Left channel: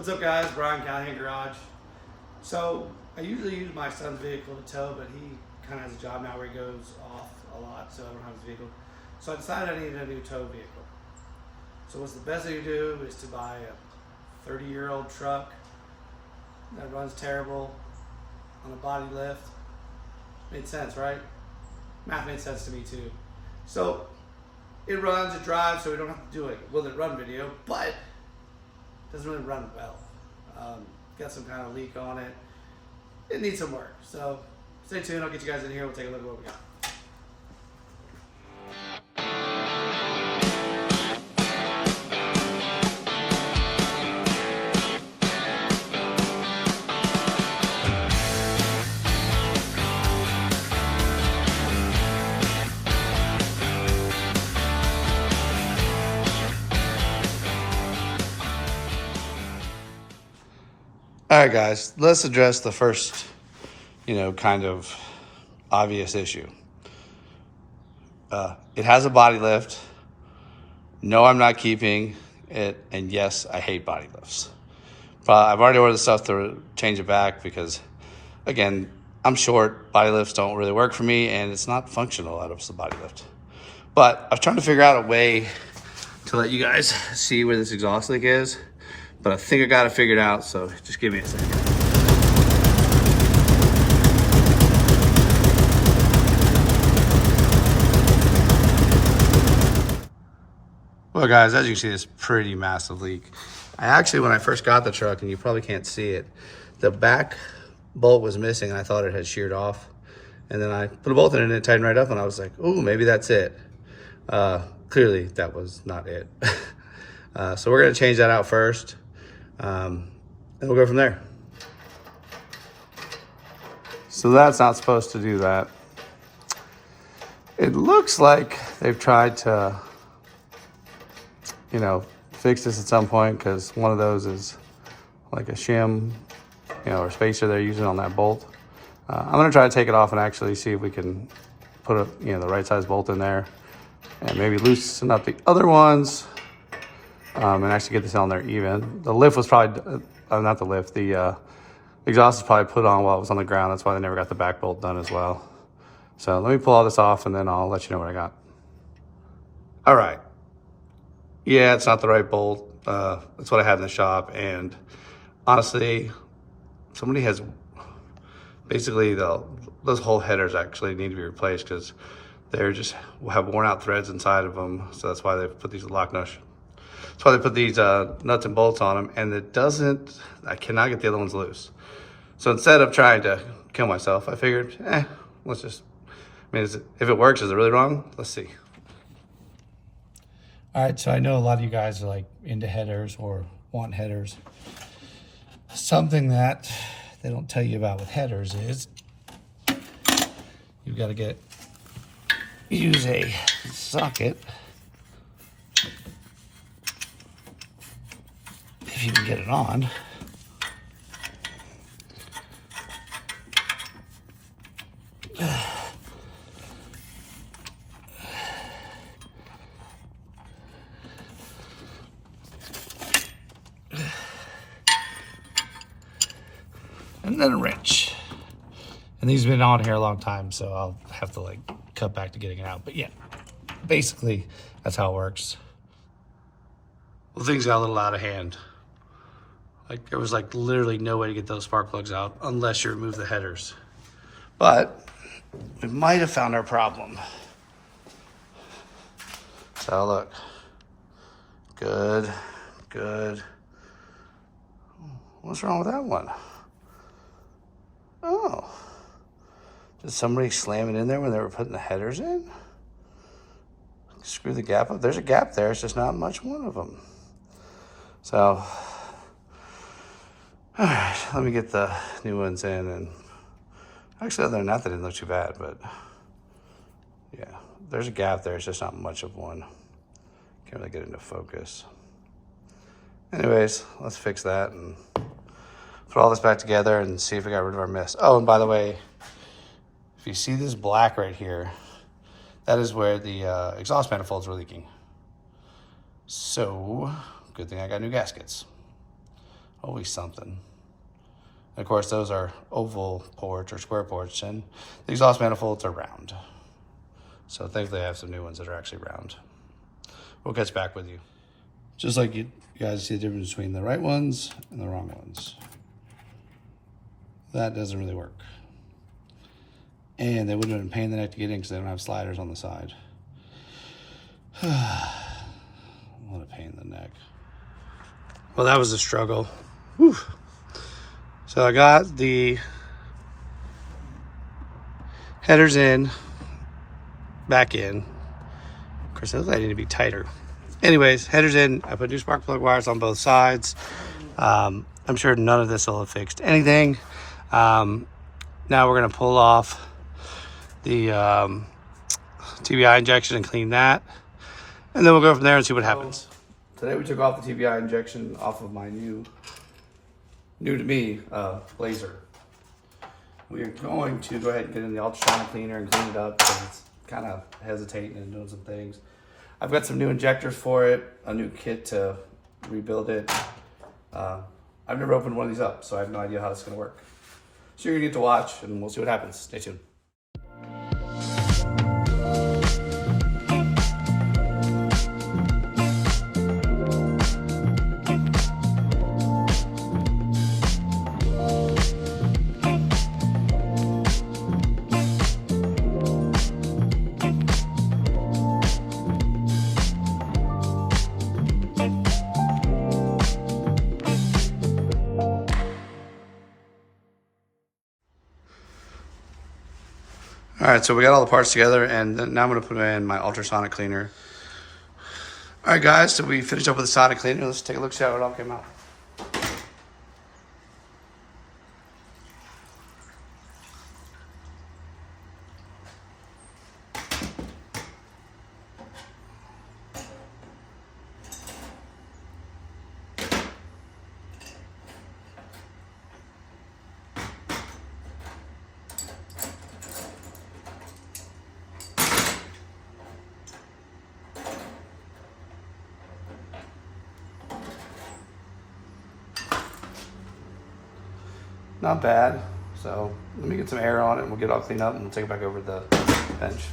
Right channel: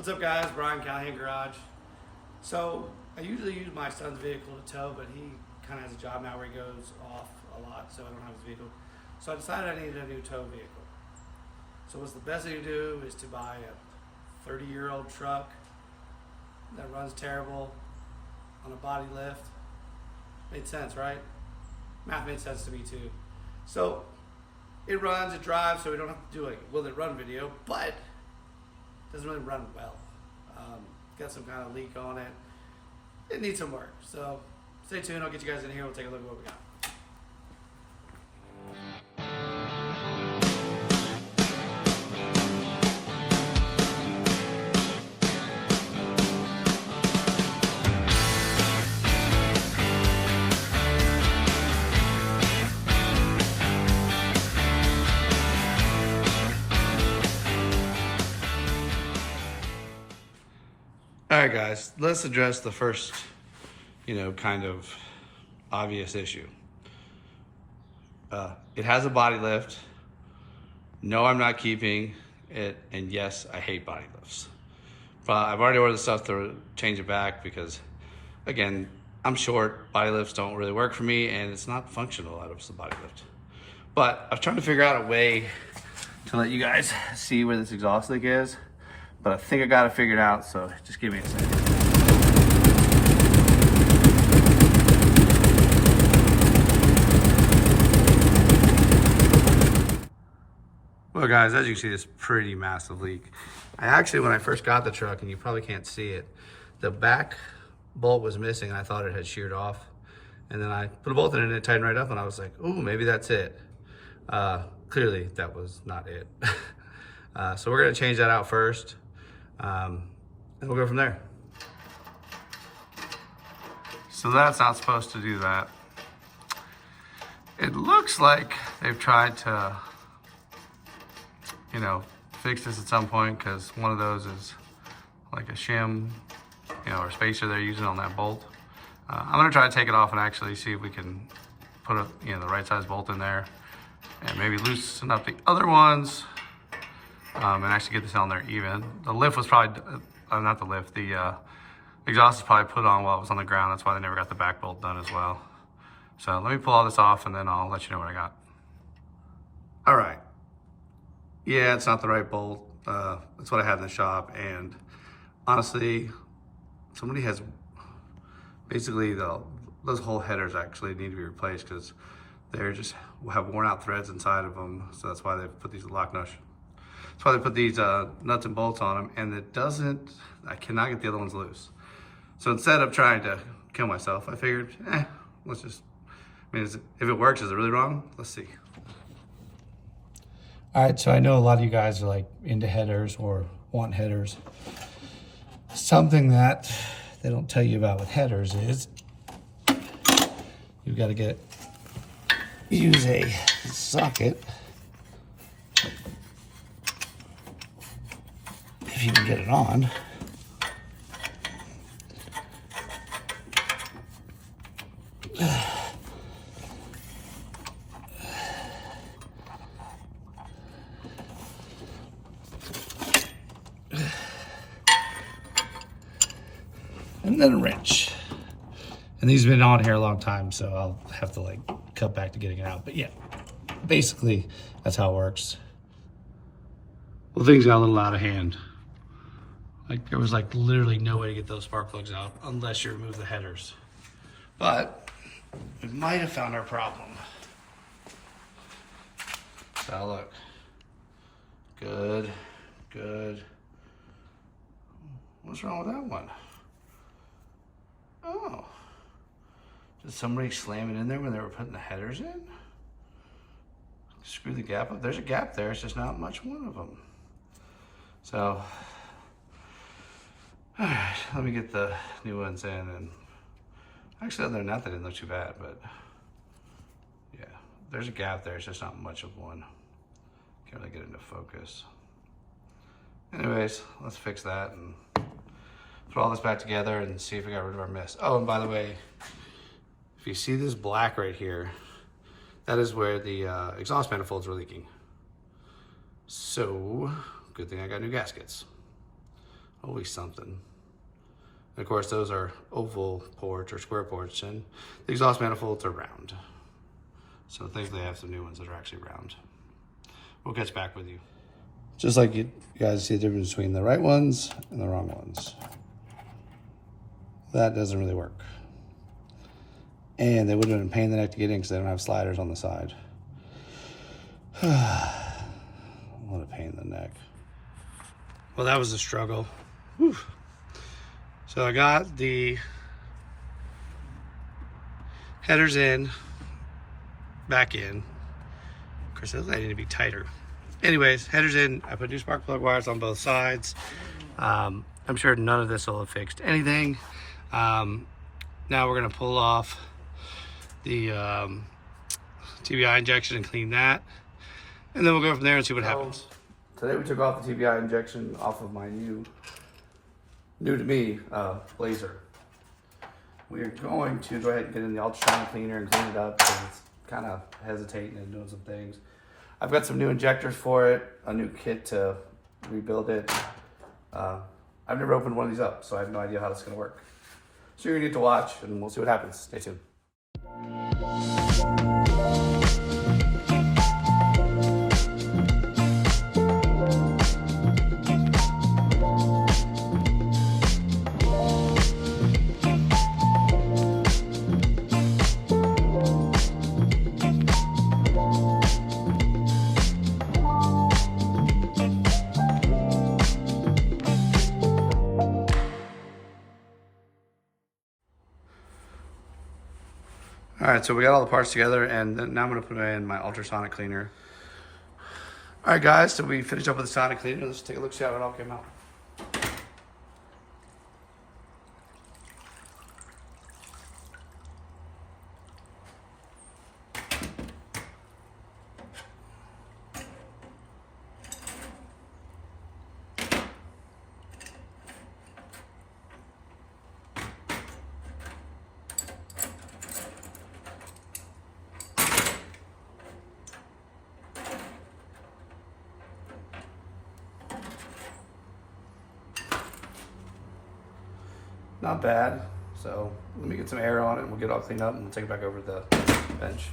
What's up, guys? Brian, Callahan Garage. So I usually use my son's vehicle to tow, but he kind of has a job now where he goes off a lot, so I don't have his vehicle. So I decided I needed a new tow vehicle. So what's the best thing to do is to buy a 30-year-old truck that runs terrible on a body lift. Made sense, right? Math made sense to me too. So it runs, it drives, so we don't have to do a will it run video, but it doesn't really run well. Got some kind of leak on it. It needs some work. So stay tuned, I'll get you guys in here, we'll take a look at what we got. All right, guys, let's address the first, kind of obvious issue. It has a body lift. No, I'm not keeping it. And yes, I hate body lifts. But I've already ordered the stuff to change it back because, again, I'm short. Body lifts don't really work for me, and it's not functional out of the body lift. But I was trying to figure out a way to let you guys see where this exhaust leak is. But I think I got it figured out, so just give me a second. Well, guys, as you can see, it's pretty massive leak. I actually, when I first got the truck, and you probably can't see it, the back bolt was missing, and I thought it had sheared off. And then I put a bolt in it, and it tightened right up, and I was like, ooh, maybe that's it. Clearly, that was not it. So we're gonna change that out first. And we'll go from there. So that's not supposed to do that. It looks like they've tried to, fix this at some point because one of those is like a shim, or spacer they're using on that bolt. I'm gonna try to take it off and actually see if we can put the right size bolt in there and maybe loosen up the other ones. And actually get this on there even. The lift was probably, not the lift, the exhaust is probably put on while it was on the ground. That's why they never got the back bolt done as well. So let me pull all this off and then I'll let you know what I got. All right. Yeah, it's not the right bolt. That's what I had in the shop. And honestly, somebody has, basically those whole headers actually need to be replaced because they're just have worn out threads inside of them. So that's why they put these lock nuts. That's why they put these nuts and bolts on them, and I cannot get the other ones loose. So instead of trying to kill myself, I figured, let's just, if it works, is it really wrong? Let's see. All right, so I know a lot of you guys are like into headers or want headers. Something that they don't tell you about with headers is you've got to use a socket. If you can get it on. And then a wrench. And these have been on here a long time, so I'll have to cut back to getting it out. But yeah, basically that's how it works. Well, things got a little out of hand. There was literally no way to get those spark plugs out unless you remove the headers. But we might have found our problem. So look, good. What's wrong with that one? Oh, did somebody slam it in there when they were putting the headers in? Screw the gap up. There's a gap there, it's just not much one of them. So, all right, let me get the new ones in. And actually, other than that, they didn't look too bad, but yeah, there's a gap there. It's just not much of one. Can't really get into focus. Anyways, let's fix that and put all this back together and see if we got rid of our mess. Oh, and by the way, if you see this black right here, that is where the exhaust manifolds were leaking. So, good thing I got new gaskets. Always something. Of course, those are oval ports or square ports, and the exhaust manifolds are round. So thankfully I have some new ones that are actually round. We'll catch back with you. Just like you guys see the difference between the right ones and the wrong ones. That doesn't really work. And they would have been a pain in the neck to get in because they don't have sliders on the side. What a pain in the neck. Well, that was a struggle. Whew. So I got the headers in, back in. Of course, those need to be tighter. Anyways, headers in. I put new spark plug wires on both sides. I'm sure none of this will have fixed anything. Now we're gonna pull off the TBI injection and clean that. And then we'll go from there and see what happens. Today we took off the TBI injection off of my new to me Blazer. We are going to go ahead and get in the ultrasonic cleaner and clean it up because it's kind of hesitating and doing some things. I've got some new injectors for it, a new kit to rebuild it. I've never opened one of these up, so I have no idea how this is going to work. So you're going to get to watch and we'll see what happens. Stay tuned. All right, so we got all the parts together, and now I'm gonna put in my ultrasonic cleaner. All right, guys, so we finished up with the sonic cleaner. Let's take a look, see how it all came out. Not bad. So let me get some air on it and we'll get it all cleaned up and we'll take it back over to the bench.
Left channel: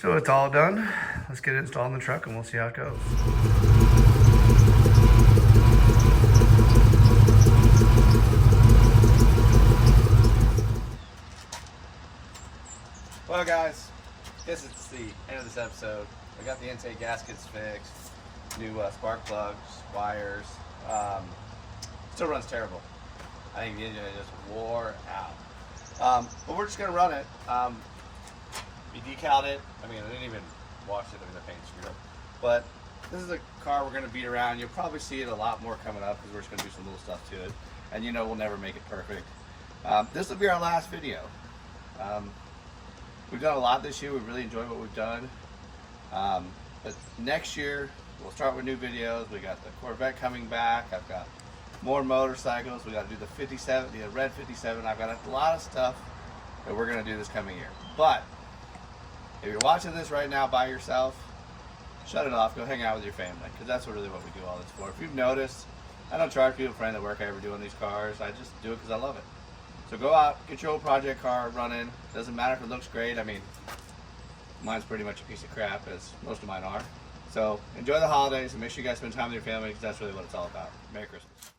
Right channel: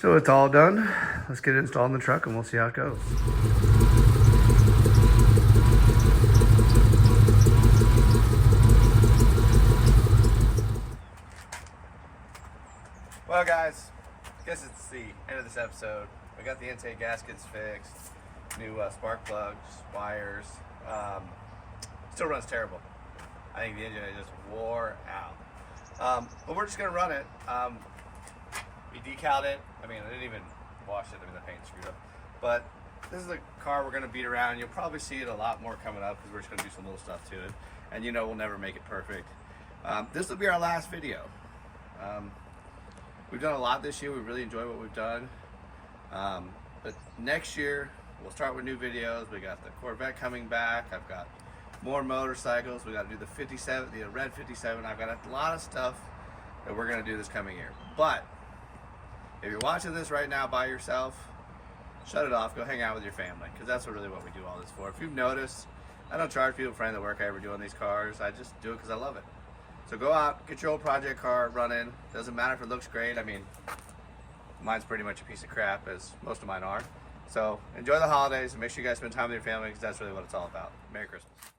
So it's all done. Let's get it installed in the truck and we'll see how it goes. Well guys, guess it's the end of this episode. I got the intake gaskets fixed, new spark plugs, wires. Still runs terrible. I think the engine is just wore out. But we're just gonna run it. We decaled it. I mean, I didn't even wash it. I mean, the paint's screwed up. But this is the car we're going to beat around. You'll probably see it a lot more coming up because we're just going to do some little stuff to it. And you know we'll never make it perfect. This will be our last video. We've done a lot this year. We've really enjoyed what we've done. But next year, we'll start with new videos. We got the Corvette coming back. I've got more motorcycles. We got to do the 57, the red 57. I've got a lot of stuff that we're going to do this coming year. But if you're watching this right now by yourself, shut it off, go hang out with your family, because that's really what we do all this for. If you've noticed, I don't charge people for any of the work I ever do on these cars. I just do it because I love it. So go out, get your old project car running. Doesn't matter if it looks great. I mean, mine's pretty much a piece of crap, as most of mine are. So enjoy the holidays and make sure you guys spend time with your family, because that's really what it's all about. Merry Christmas.